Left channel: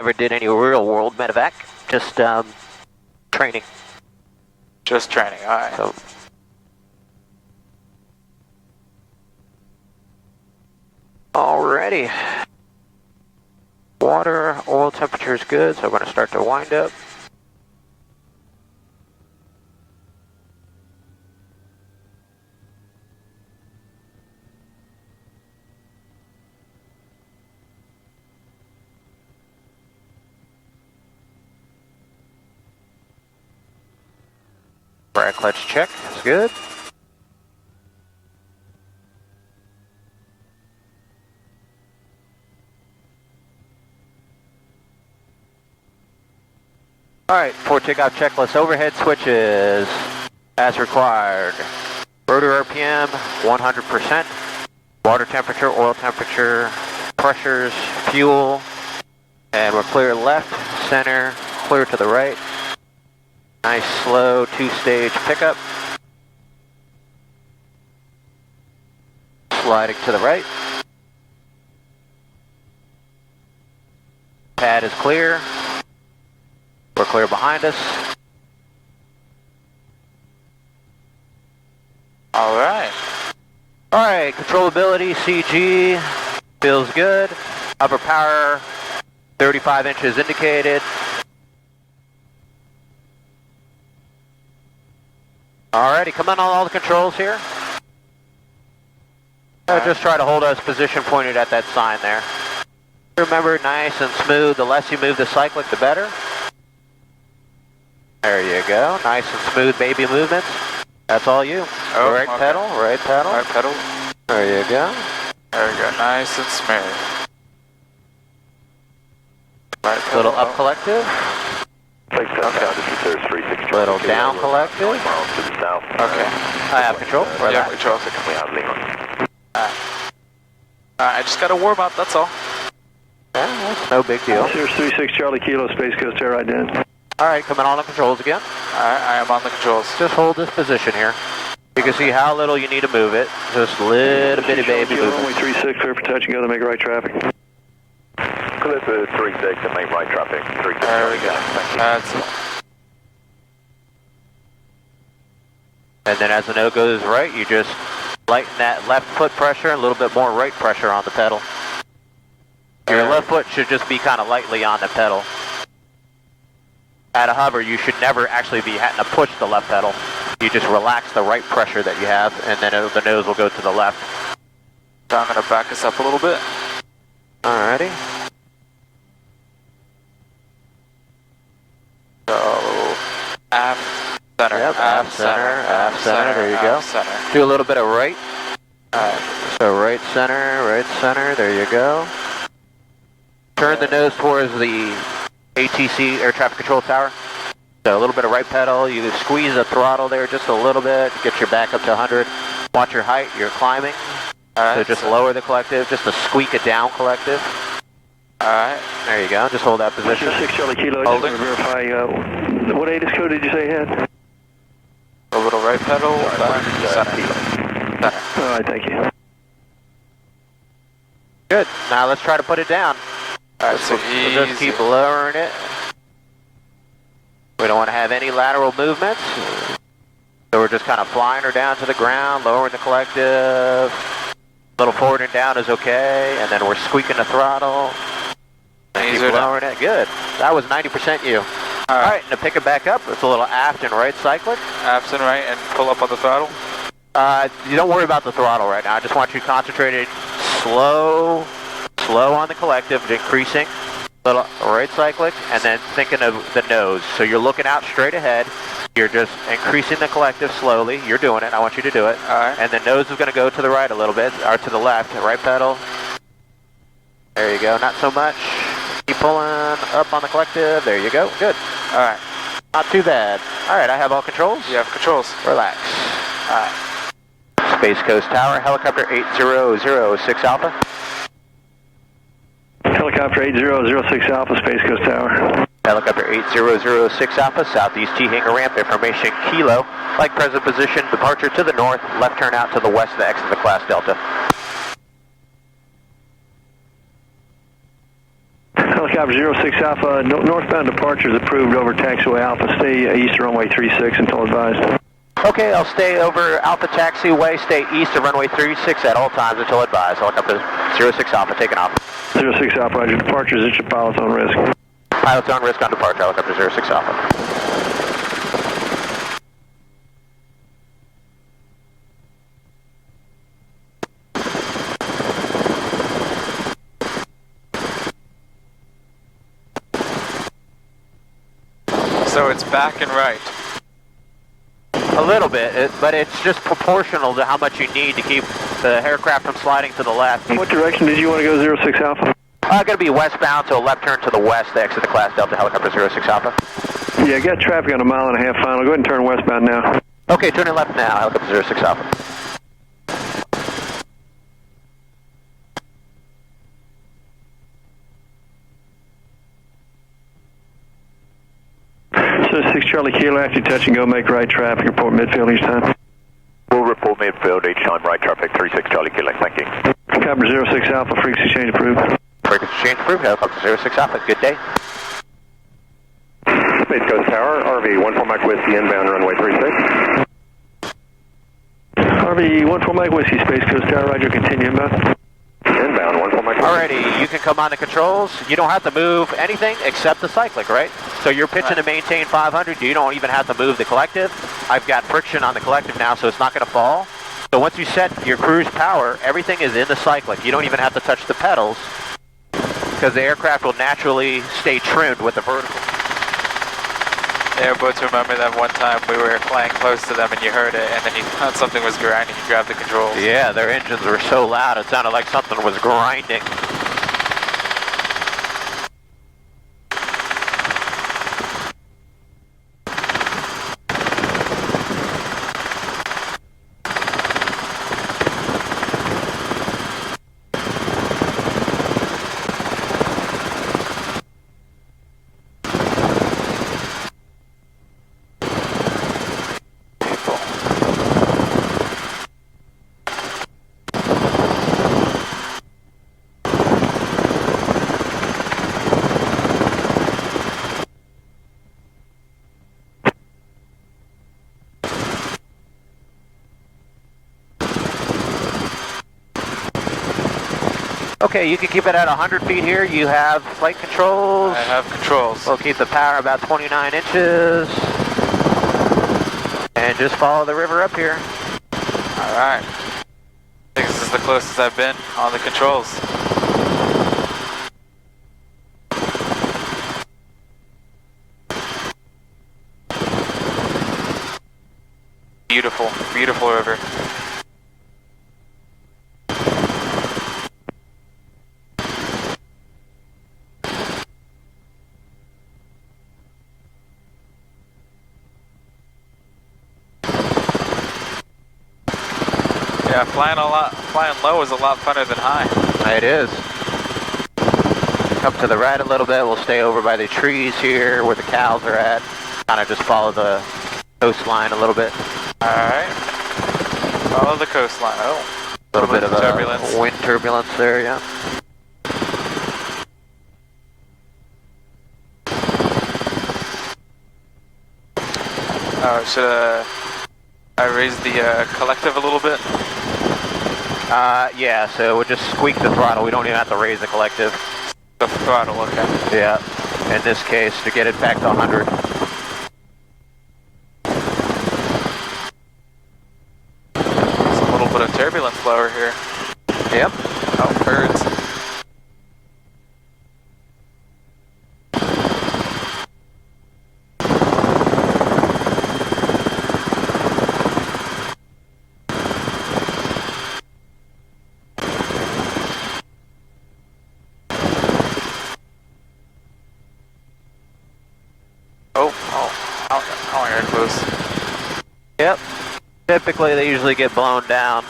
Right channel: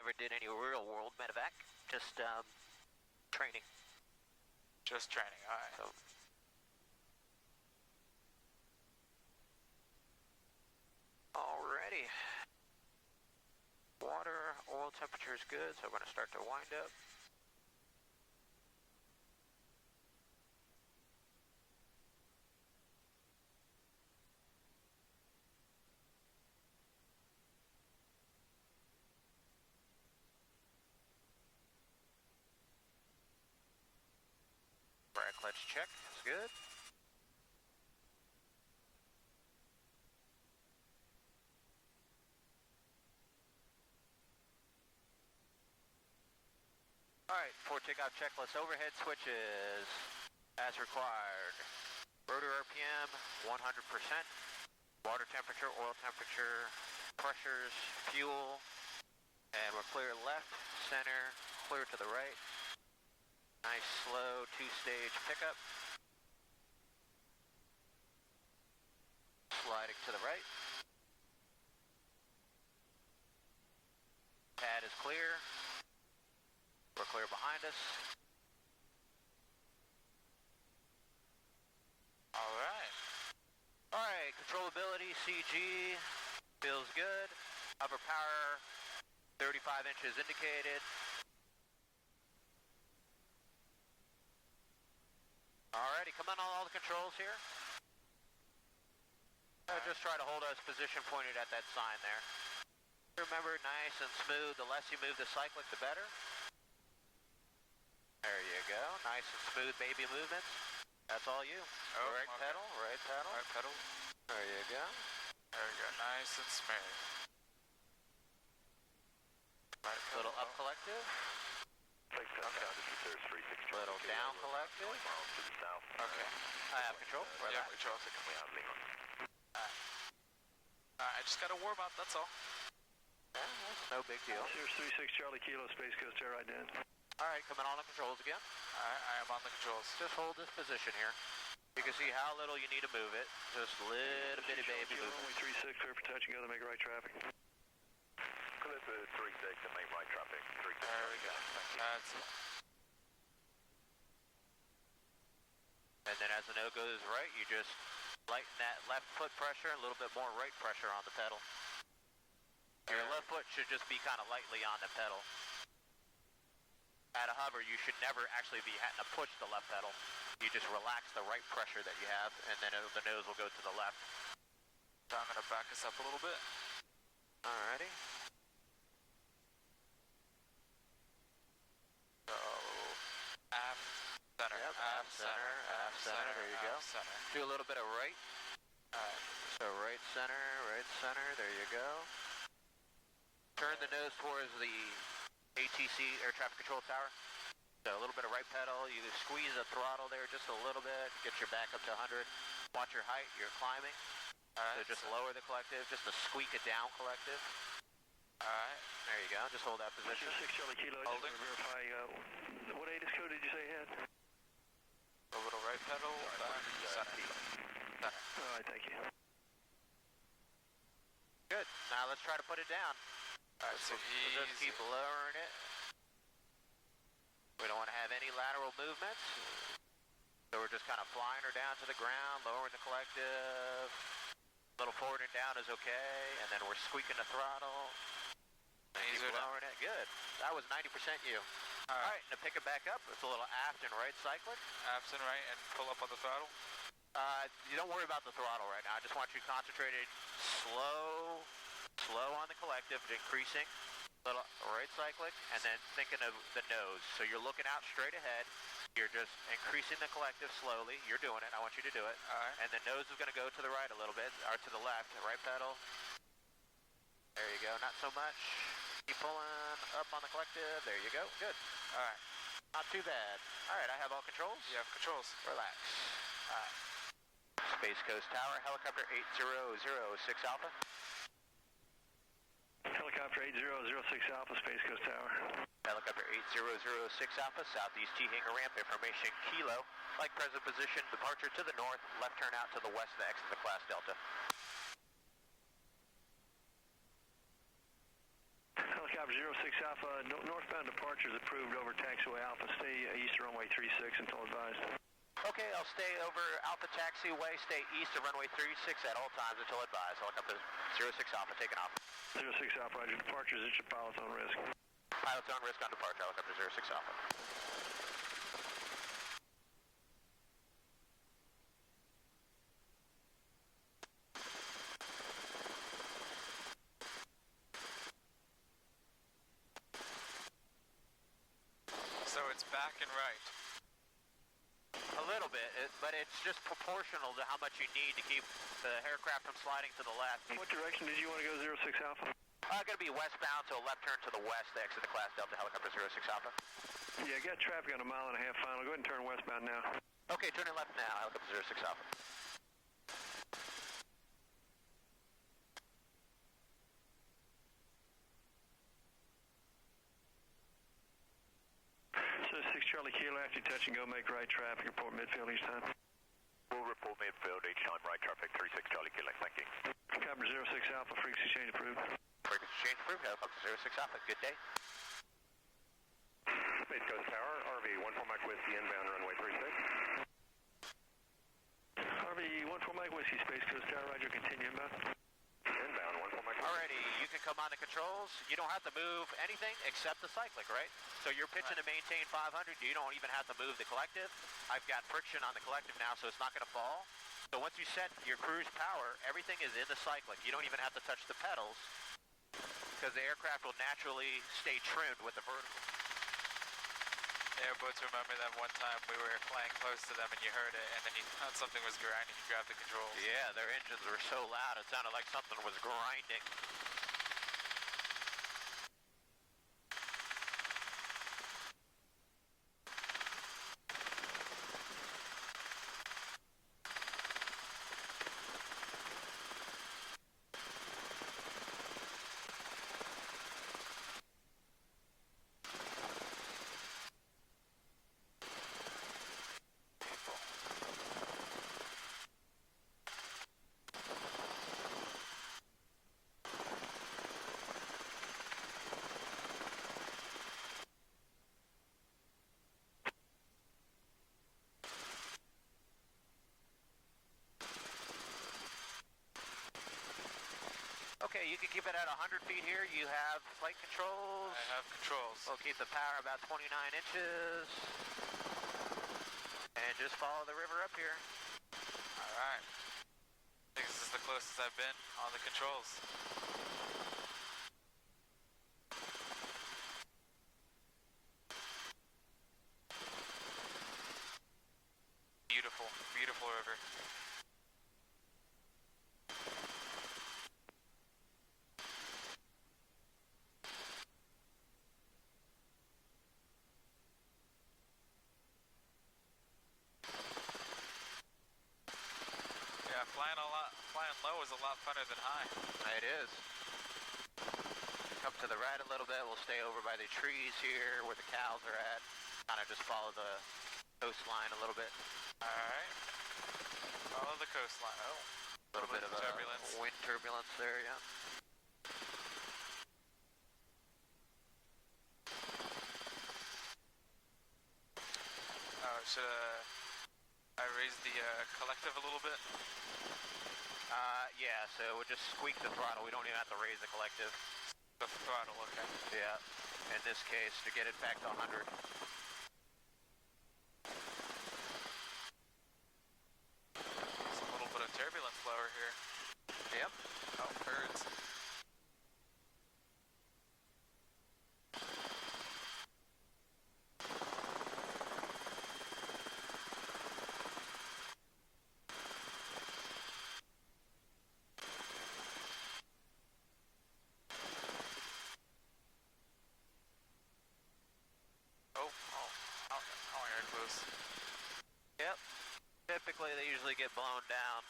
Never did any real world medevac, just training. Just training, alright. So, alrighty. Water, oil temperature is good, so I'm going to start to wind up. Brake clutch check, that's good. Alright, for takeoff checklist, overhead switches as required. Rotor RPM, 100%. Water temperature, oil temperature, pressures, fuel. And we're clear left, center, clear to the right. Nice slow two-stage pickup. Sliding to the right. Pad is clear. We're clear behind us. Alright. Alright, controllability, CG, feels good. Upper power, 35 inches indicated. Alrighty, come on all the controls here. Just try to hold us position pointed at that sign there. Remember, nice and smooth. The less you move the cyclic, the better. There you go. Nice and smooth baby movements. That's all you. Oh, right pedal, right pedal. Right pedal. There you go. There we go. Nice and smooth. Right pedal. Little up collective. Little down collective. Okay. I have control. Yeah, control. I just got to warm up, that's all. Yeah, that's no big deal. Cirrus 36 Charlie Kilo, Space Coast Air ident. Alright, coming on the controls again. Alright, I am on the controls. Just hold this position here. You can see how little you need to move it. Just little bitty baby movement. Runway 36, clear for touch and go to make right traffic. Clear for 36 and make right traffic. 36. There we go. That's it. And then as the nose goes right, you just lighten that left foot pressure and a little bit more right pressure on the pedal. Your left foot should just be kind of lightly on the pedal. At a hover, you should never actually be having to push the left pedal. You just relax the right pressure that you have, and then the nose will go to the left. So I'm going to back us up a little bit. Alrighty. So, aft, center, Yep, aft, center, there you go. Center. Do a little bit of right. So right center, there you go. Turn the nose towards the ATC, Air Traffic Control Tower. So a little bit of right pedal, you squeeze the throttle there just a little bit, get your back up to 100. Watch your height, you're climbing. So just lower the collective, just a squeak it down collective. Alright. There you go, just hold that position. 6 Charlie Kilo, Hold just it. want to verify, what ATIS code did you say you had? A little right pedal, center. Alright, thank you. Good, now let's try to put it down. Alright, so We'll just keep lowering it. We don't want to have any lateral movements. So we're just kind of flying her down to the ground, lowering the collective. A little forward and down is okay, and then we're squeaking the throttle. And keep lowering it. Good. That was 90% you. Alright, and to pick it back up, it's a little aft and right cyclic. Aft and right, and pull up on the throttle. You don't worry about the throttle right now. I just want you concentrated, slow on the collective, increasing. Little right cyclic, and then thinking of the nose. So you're looking out straight ahead. You're just increasing the collective slowly. You're doing it. I want you to do it. Alright. And the nose is going to go to the right a little bit, or to the left. Right pedal. There you go. Not so much. Keep pulling up on the collective. There you go. Good. Alright. Not too bad. Alright, I have all controls. You have controls. Relax. Alright. Space Coast Tower, helicopter 8006 Alpha. Helicopter 8006 Alpha, Space Coast Tower. Helicopter 8006 Alpha, southeast T hangar ramp, information Kilo. Like present position, departure to the north, left turn out to the west of the exit of the class Delta. Helicopter Takeoff 06 Alpha, northbound departure is approved over taxiway Alpha. Stay east of runway 36 until advised. Okay, I'll stay over Alpha Taxiway, stay east of runway 36 at all times until advised. Helicopter 06 Alpha, taking off. 06 Alpha, roger. Departure is at your pilot's on risk. Pilot's on risk on departure, helicopter 06 Alpha. So it's back and right. A little bit, but it's just proportional to how much you need to keep the aircraft from sliding to the left. What direction did you want to go, 06 Alpha? Going to be westbound, so a left turn to the west to exit the class Delta helicopter 06 Alpha. Yeah, got traffic on a 1.5 mile final. Go ahead and turn westbound now. Okay, turning left now, helicopter 06 Alpha. So 6 Charlie Kilo, after you touch and go, make right traffic, report midfield each time. We'll report midfield each time, right traffic, 36 Charlie Kilo, thank you. Copper 06 Alpha, frequency change approved. Frequency change approved, helicopter 06 Alpha, good day. Space Coast Tower, RV 14 Mike Whiskey inbound runway 36. RV 14 Mike Whiskey, Space Coast Tower, roger, continue inbound. Inbound 14 Mike Whiskey. Alrighty, you can come on the controls. You don't have to move anything except the cyclic, right? So you're pitching to maintain 500. You don't even have to move the collective. I've got friction on the collective now, so it's not going to fall. So once you set your cruise power, everything is in the cyclic. You don't even have to touch the pedals because the aircraft will naturally stay trimmed with the vertical. Airboats remember that one time we were flying close to them and you heard it, and then you thought something was grinding, you grabbed the controls. Yeah, their engines were so loud, it sounded like something was grinding. Okay, you can keep it at 100 feet here. You have flight controls. I have controls. We'll keep the power about 29 inches. And just follow the river up here. Alright. I think this is the closest I've been on the controls. Beautiful, beautiful river. Yeah, flying low is a lot funner than high. It is. Come to the right a little bit. We'll stay over by the trees here where the cows are at. Kind of just follow the coastline a little bit. Alright. Follow the coastline. Oh. A little bit of turbulence. Wind turbulence there, yeah. Oh, should I raise the collective a little bit? Yeah, so we'll just squeak the throttle. We don't even have to raise the collective. The throttle, okay. Yeah, in this case, to get it back to 100. There's a little bit of turbulence lower here. Yep. Oh, birds. Oh, air close. Yep. Typically, they usually get blown down,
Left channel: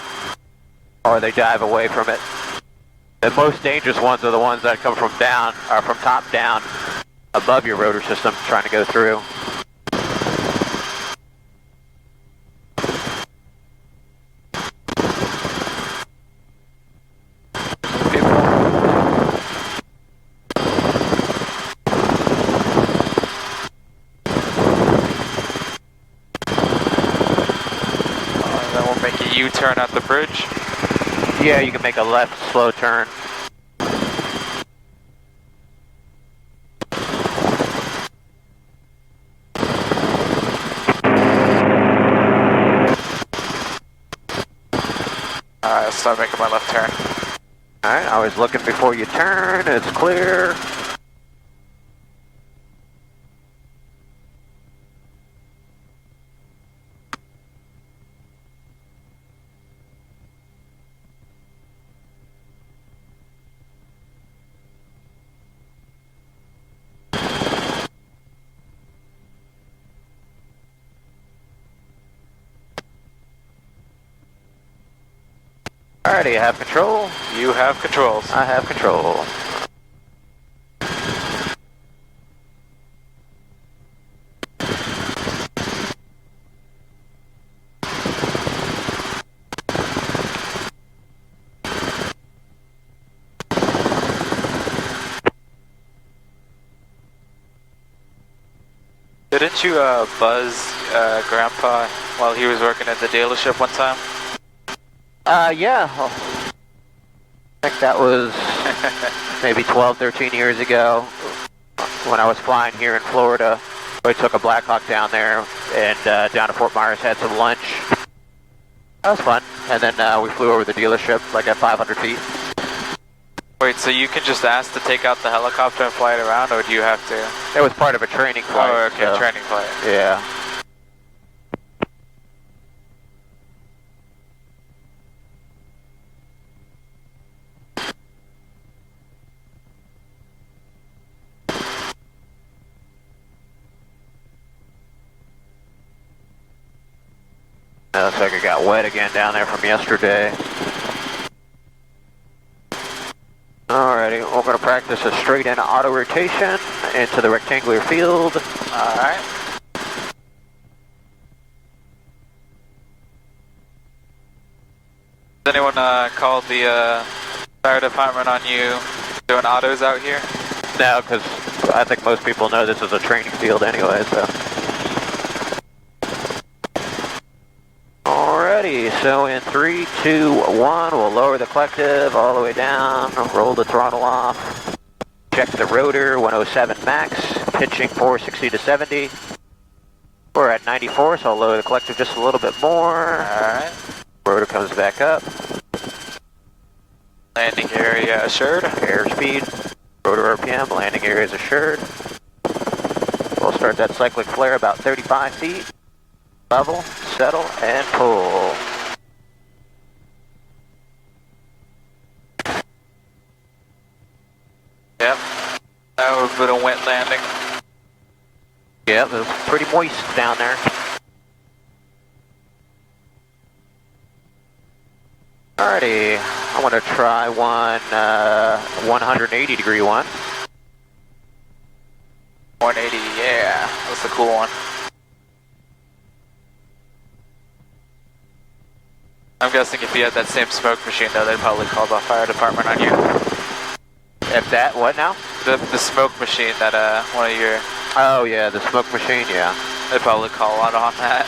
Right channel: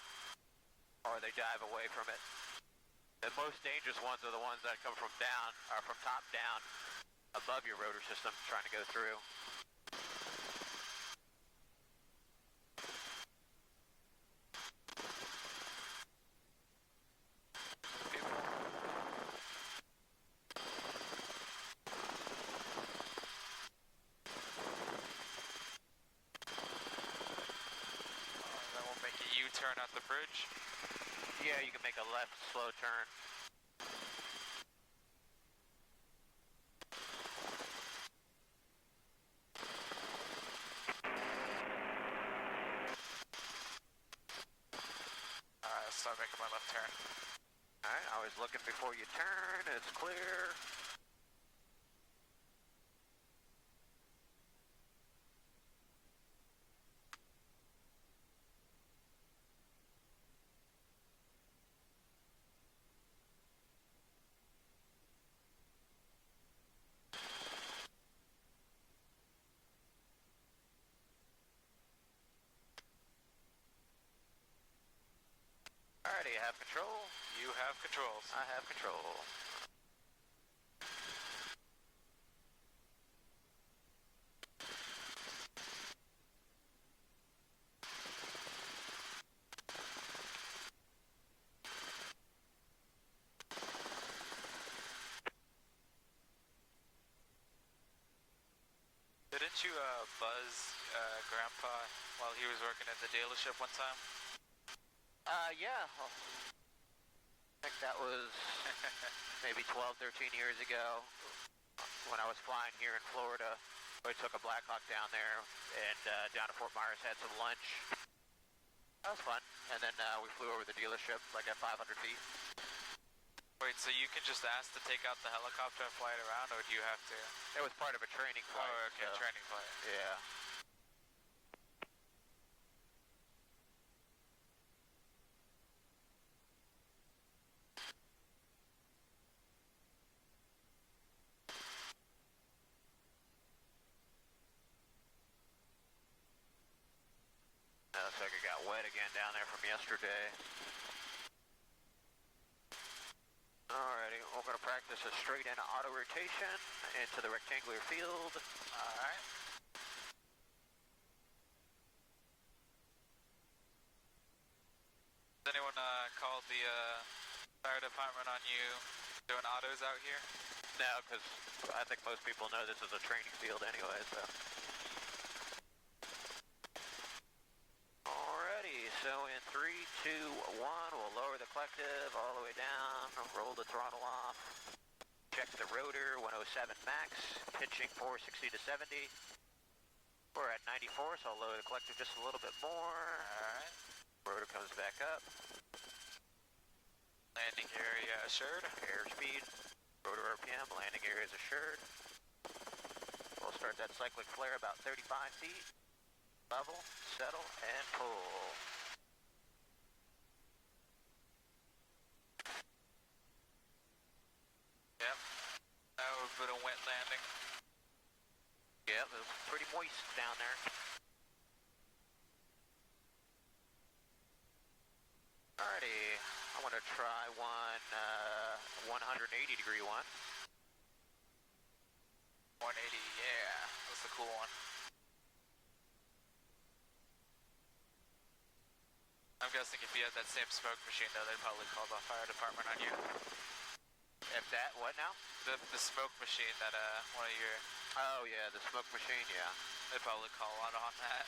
or they dive away from it. The most dangerous ones are the ones that come from down, or from top down, above your rotor system, trying to go through. turn at the bridge? Yeah, you can make a left slow turn. Alright, I'll start making my left turn. Alright, always looking before you turn. It's clear. Alrighty, I have control. You have controls. I have control. Didn't you buzz Grandpa while he was working at the dealership one time? Yeah. I think that was maybe 12, 13 years ago when I was flying here in Florida. We took a Blackhawk down there and down to Fort Myers, had some lunch. That was fun. And then we flew over the dealership like at 500 feet. Wait, so you can just ask to take out the helicopter and fly it around, or do you have to? It was part of a training flight. Oh, okay, so, training flight. Yeah. Looks like it got wet again down there from yesterday. Alrighty, we're going to practice a straight in auto rotation into the rectangular field. Alright. Has anyone called the fire department on you doing autos out here? No, because I think most people know this is a training field anyway, so. Alrighty, so in 3, 2, 1, we'll lower the collective all the way down, roll the throttle off, check the rotor, 107 max, pitching 460 to 70. We're at 94, so I'll lower the collective just a little bit more. Alright. Rotor comes back up. Landing area assured. Airspeed, rotor RPM, landing area is assured. We'll start that cyclic flare about 35 feet. Level, settle, and pull. Yep. That was a bit of wet landing. Yep, it was pretty moist down there. Alrighty, I want to try one 180 degree one. 180, yeah. That's the cool one. I'm guessing if you had that same smoke machine though, they'd probably call the fire department on you. If that, what now? The smoke machine that one of your... Oh yeah, the smoke machine, yeah. They'd probably call out on that.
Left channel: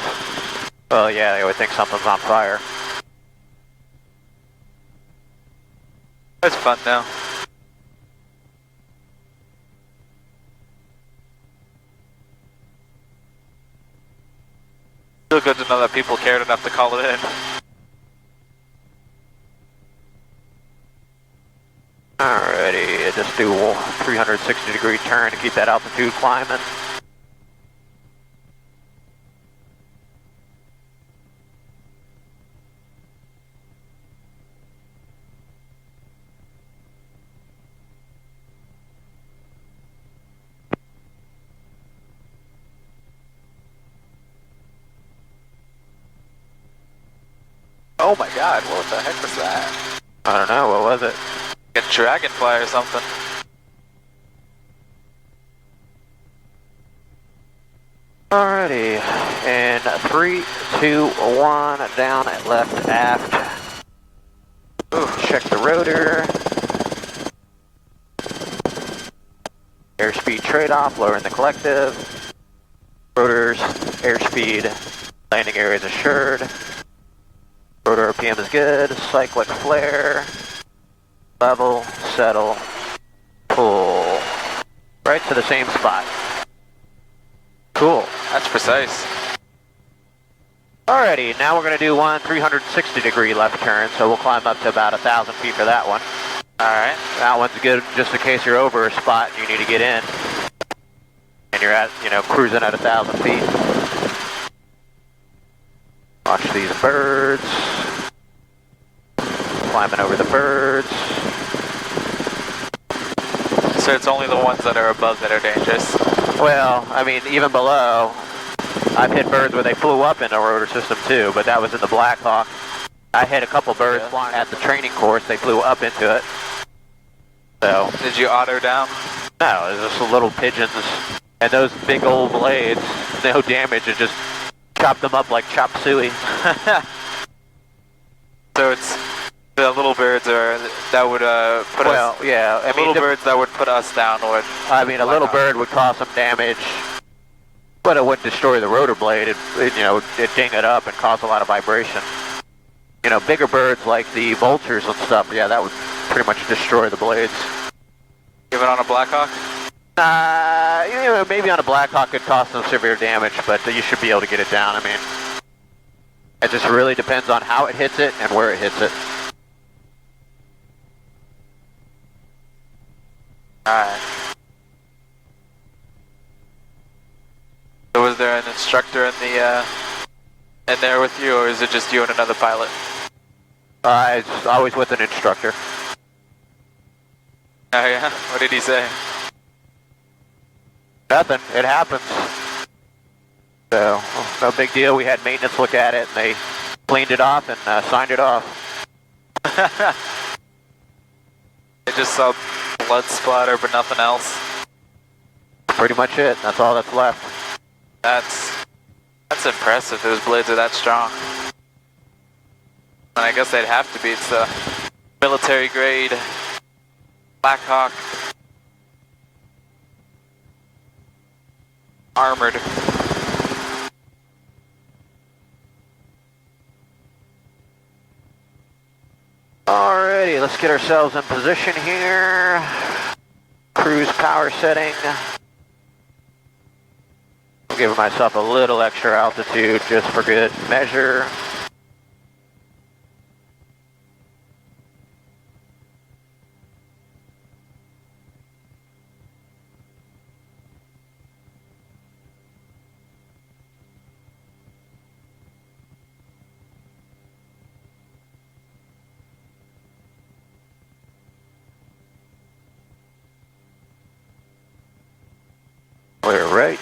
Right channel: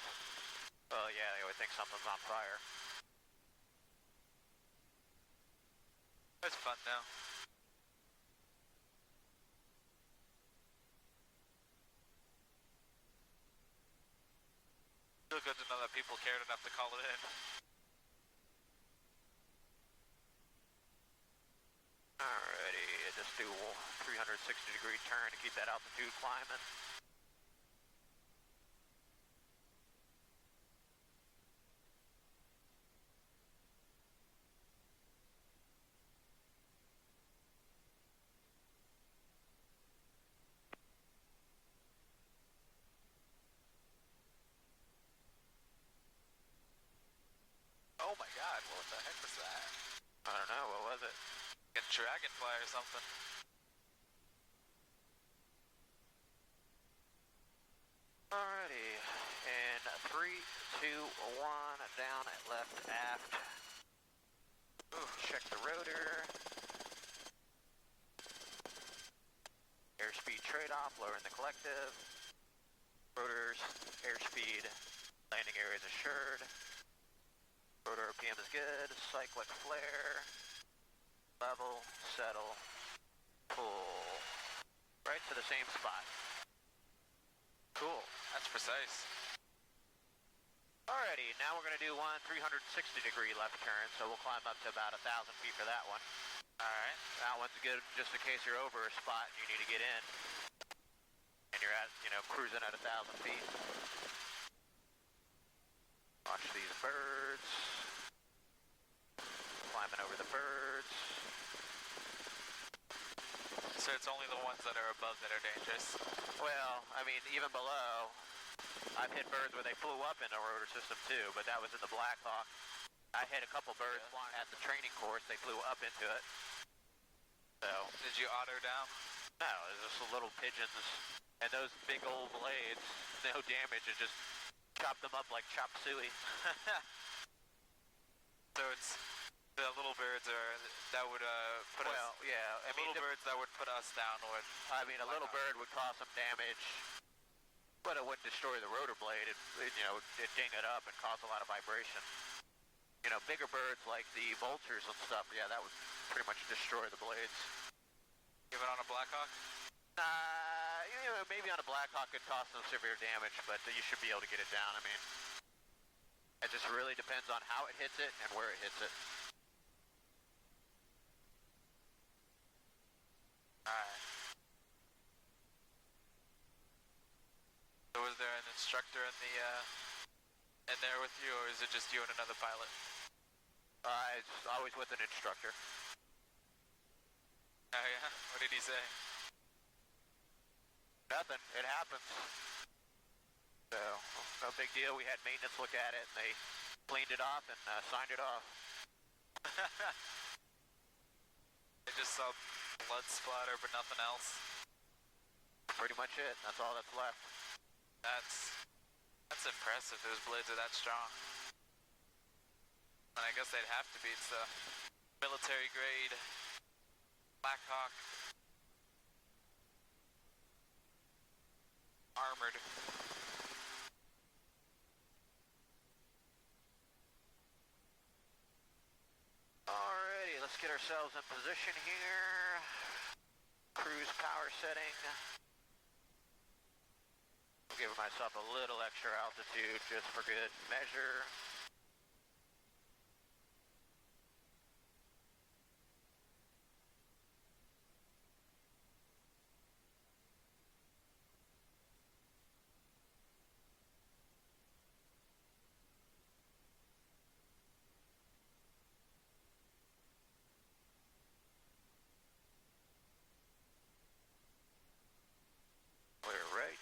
Well yeah, they would think something's on fire. That's fun though. Still good to know that people cared enough to call it in. Alrighty, just do a 360 degree turn to keep that altitude climbing. Oh my god, what the heck was that? I don't know, what was it? A dragonfly or something. Alrighty, and 3, 2, 1, down at left aft. Ooh, check the rotor. Airspeed trade-off, lowering the collective. Rotors, airspeed, landing area is assured. Rotor RPM is good. Cyclic flare. Level, settle, pull. Right to the same spot. Cool. That's precise. Alrighty, now we're going to do one 360-degree left turn, so we'll climb up to about 1,000 feet for that one. Alright. That one's good just in case you're over a spot and you need to get in. And you're at, cruising at 1,000 feet. Watch these birds. Climbing over the birds. So it's only the ones that are above that are dangerous. Well, I mean, even below, I've hit birds where they flew up in the rotor system too, but that was in the Black Hawk. I hit a couple birds flying at the training course, they flew up into it. So. Did you auto down? No, it was just little pigeons, and those big old blades, no damage, it just chopped them up like chop suey. So it's the little birds that would put us. Well, yeah, I mean, little birds that would put us down would. I mean, a little bird would cause some damage, but it wouldn't destroy the rotor blade. It'd ding it up and cause a lot of vibration. Bigger birds like the vultures and stuff, yeah, that would pretty much destroy the blades. Even on a Blackhawk? Maybe on a Blackhawk could cause some severe damage, but you should be able to get it down. I mean, it just really depends on how it hits it and where it hits it. Alright. So was there an instructor in there with you, or is it just you and another pilot? It's always with an instructor. Oh yeah? What did he say? Nothing. It happens. So, no big deal. We had maintenance look at it, and they cleaned it off and signed it off. They just saw blood splatter, but nothing else. Pretty much it. That's all that's left. That's impressive. Those blades are that strong. And I guess they'd have to be. It's a military grade Blackhawk armored. Alrighty, let's get ourselves in position here. Cruise power setting. I'm giving myself a little extra altitude just for good measure. Clear right.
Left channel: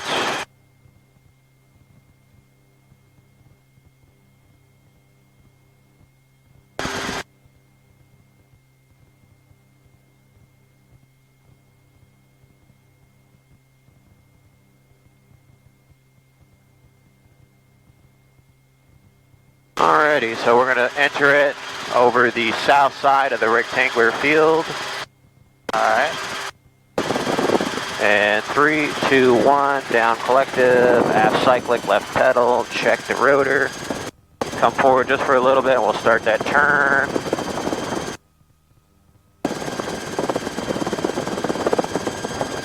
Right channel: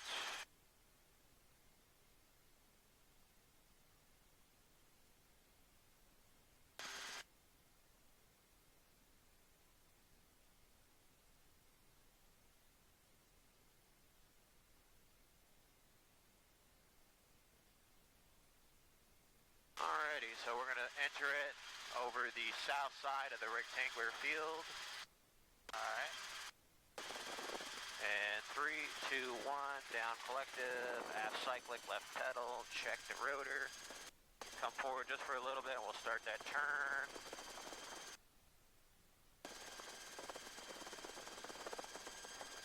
Alrighty, so we're going to enter it over the south side of the rectangular field. Alright. And 3, 2, 1, down collective, aft cyclic, left pedal, check the rotor. Come forward just for a little bit and we'll start that turn.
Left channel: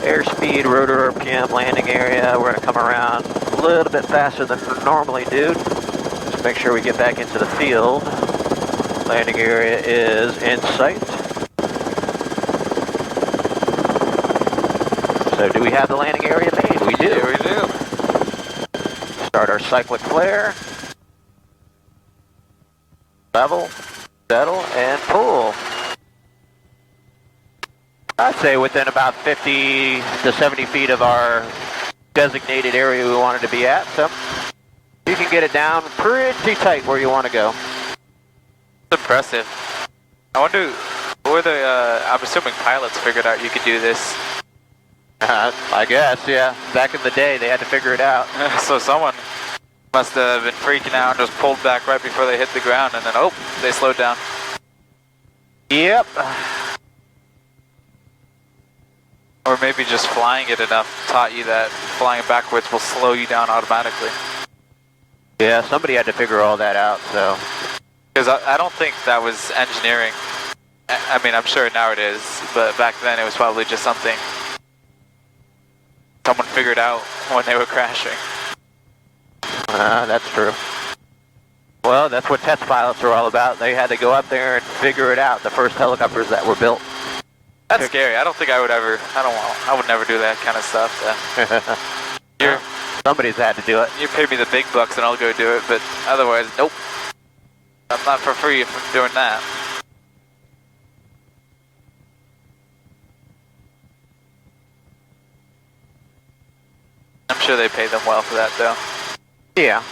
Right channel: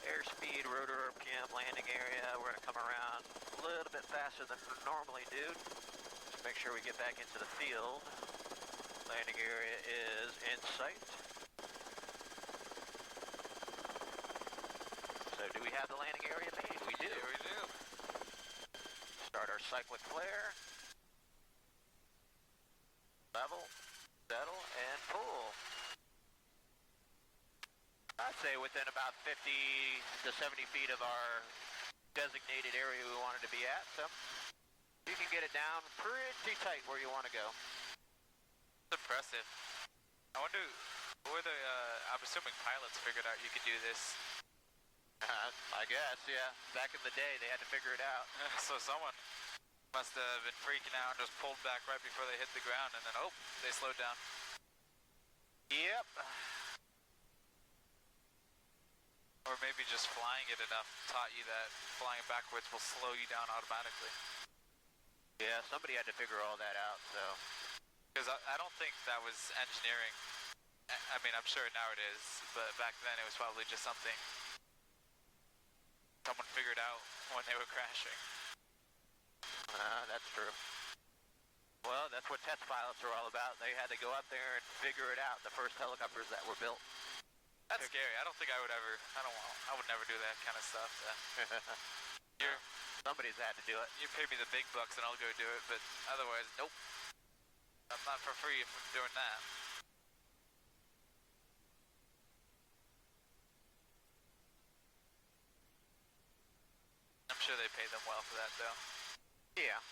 Airspeed, rotor RPM, landing area. We're going to come around a little bit faster than we normally do. Just make sure we get back into the field. Landing area is in sight. So do we have the landing area made? We do. Yeah, we do. Start our cyclic flare. Level, settle, and pull. I'd say within about 50 to 70 feet of our designated area we wanted to be at. So you can get it down pretty tight where you want to go. It's impressive. I wonder, I'm assuming pilots figured out you could do this. I guess, yeah. Back in the day, they had to figure it out. So someone must have been freaking out and just pulled back right before they hit the ground, and then, oh, they slowed down. Yep. Or maybe just flying it enough taught you that flying backwards will slow you down automatically. Yeah, somebody had to figure all that out, so Because I don't think that was engineering. I mean, I'm sure now it is, but back then it was probably just something someone figured out when they were crashing. That's true. Well, that's what test pilots are all about. They had to go up there and figure it out, the first helicopters that were built. That's scary. I don't think I would ever, I would never do that kind of stuff. Somebody's had to do it. You pay me the big bucks and I'll go do it, but otherwise, nope. I'm not for free if I'm doing that. I'm sure they pay them well for that, though. Yeah.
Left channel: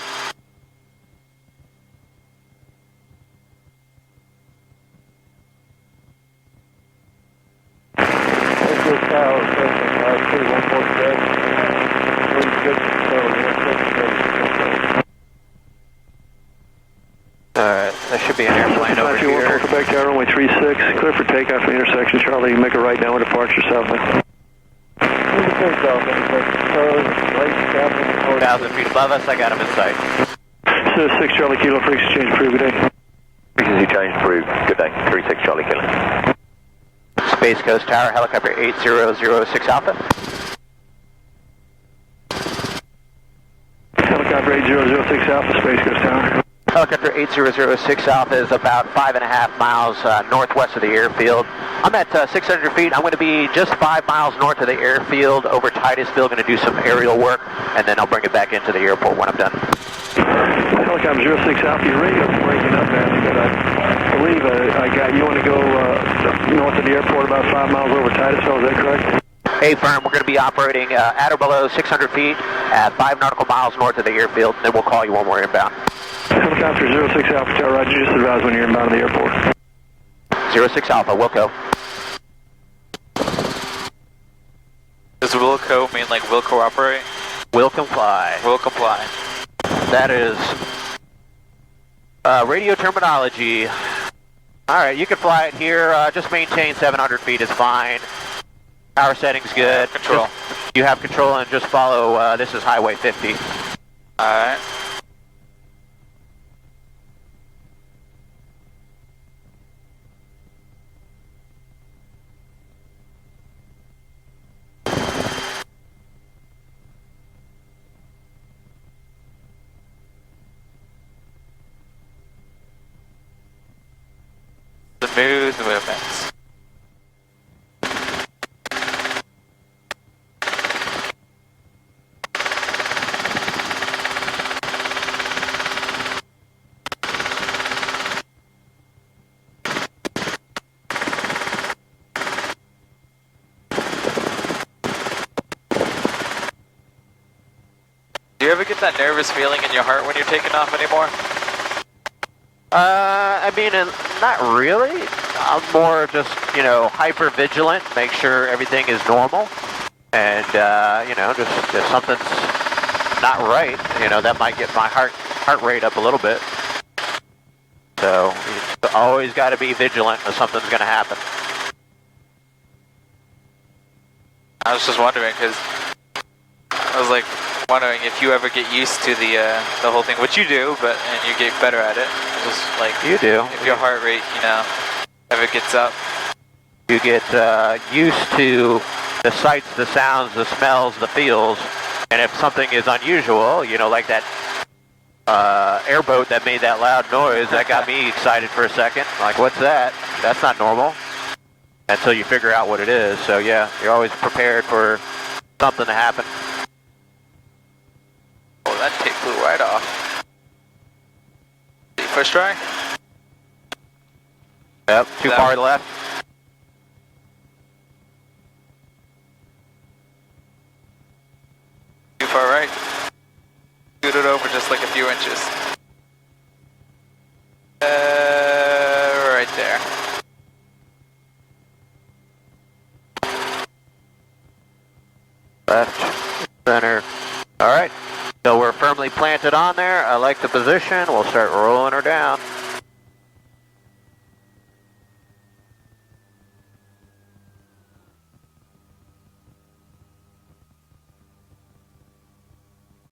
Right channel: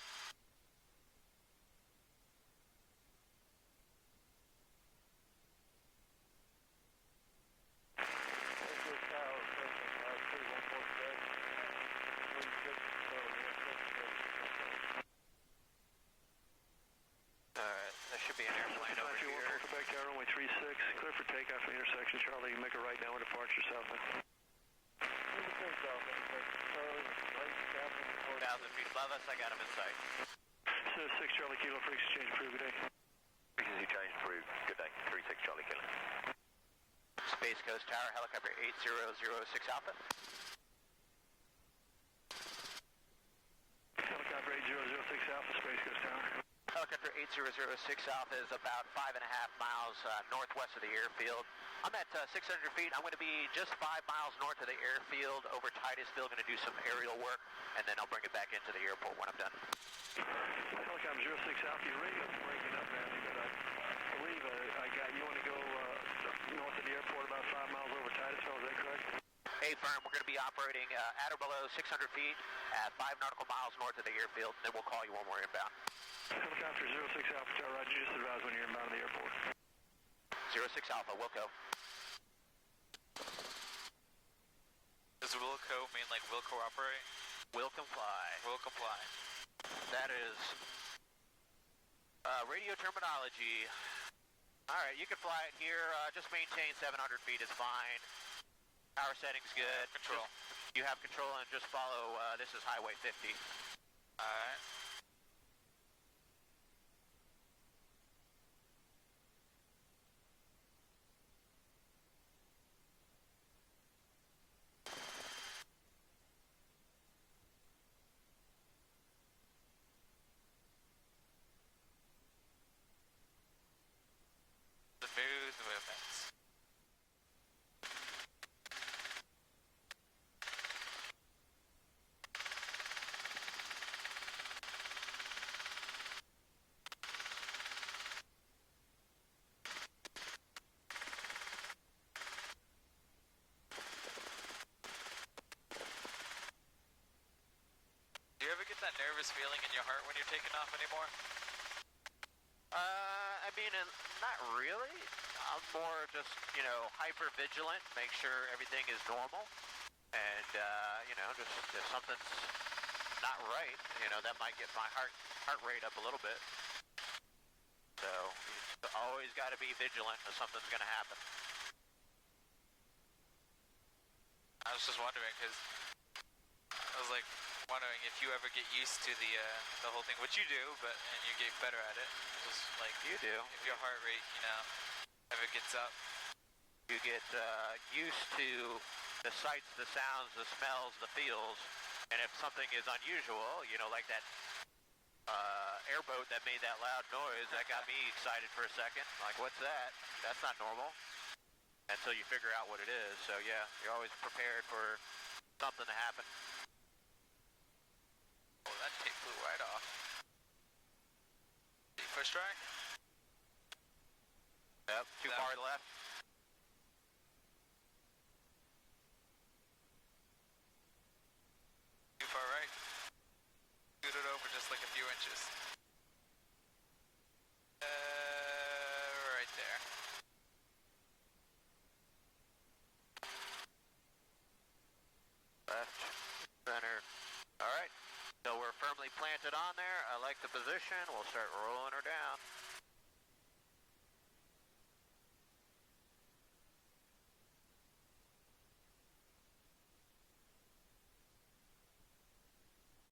Alright, there should be an airplane over here. Quebec Tower, runway 36, clear for takeoff from the intersection. Charlie, you make a right now with departure southbound. 1,000 feet above us, I got him in sight. 6 Charlie Kilo, frequency change approved, good day. Frequency change approved, good day. 36 Charlie Kilo. Space Coast Tower, helicopter 8006 Alpha. Helicopter 8006 Alpha, Space Coast Tower. Helicopter 8006 Alpha is about 5.5 miles northwest of the airfield. I'm at 600 feet. I'm going to be just 5 miles north of the airfield over Titusville. Going to do some aerial work, and then I'll bring it back into the airport when I'm done. Helicopter 06 Alpha, your radio's breaking up, man. But I believe I got you want to go north of the airport about 5 miles over Titusville, is that correct? Hey, firm, we're going to be operating at or below 600 feet at 5 nautical miles north of the airfield, and then we'll call you when we're inbound. Helicopter 06 Alpha Tower, Roger, just advise when you're inbound to the airport. 06 Alpha, Wilco. Does Wilco mean like will cooperate? Will comply. Will comply. That is radio terminology. Alright, you can fly it here. Just maintain 700 feet is fine. Power setting's good. Control. You have control and just follow, this is Highway 50. Alright. Smooth movements. Do you ever get that nervous feeling in your heart when you're taking off anymore? I mean, not really. I'm more just, hyper vigilant, make sure everything is normal. And, just if something's not right, that might get my heart rate up a little bit. So, you always got to be vigilant if something's going to happen. I was just wondering, because I was like wondering if you ever get used to the whole thing, which you do, and you get better at it. Just like you do. If your heart rate, ever gets up. You get used to the sights, the sounds, the smells, the feels, and if something is unusual, like that airboat that made that loud noise, that got me excited for a second. Like, what's that? That's not normal. Until you figure out what it is. So yeah, you're always prepared for something to happen. Oh, that tape flew right off. First try? Yep, too far to the left. Too far right. Scoot it over just like a few inches. Right there. Left, center. All right, so we're firmly planted on there. I like the position. We'll start rolling her down.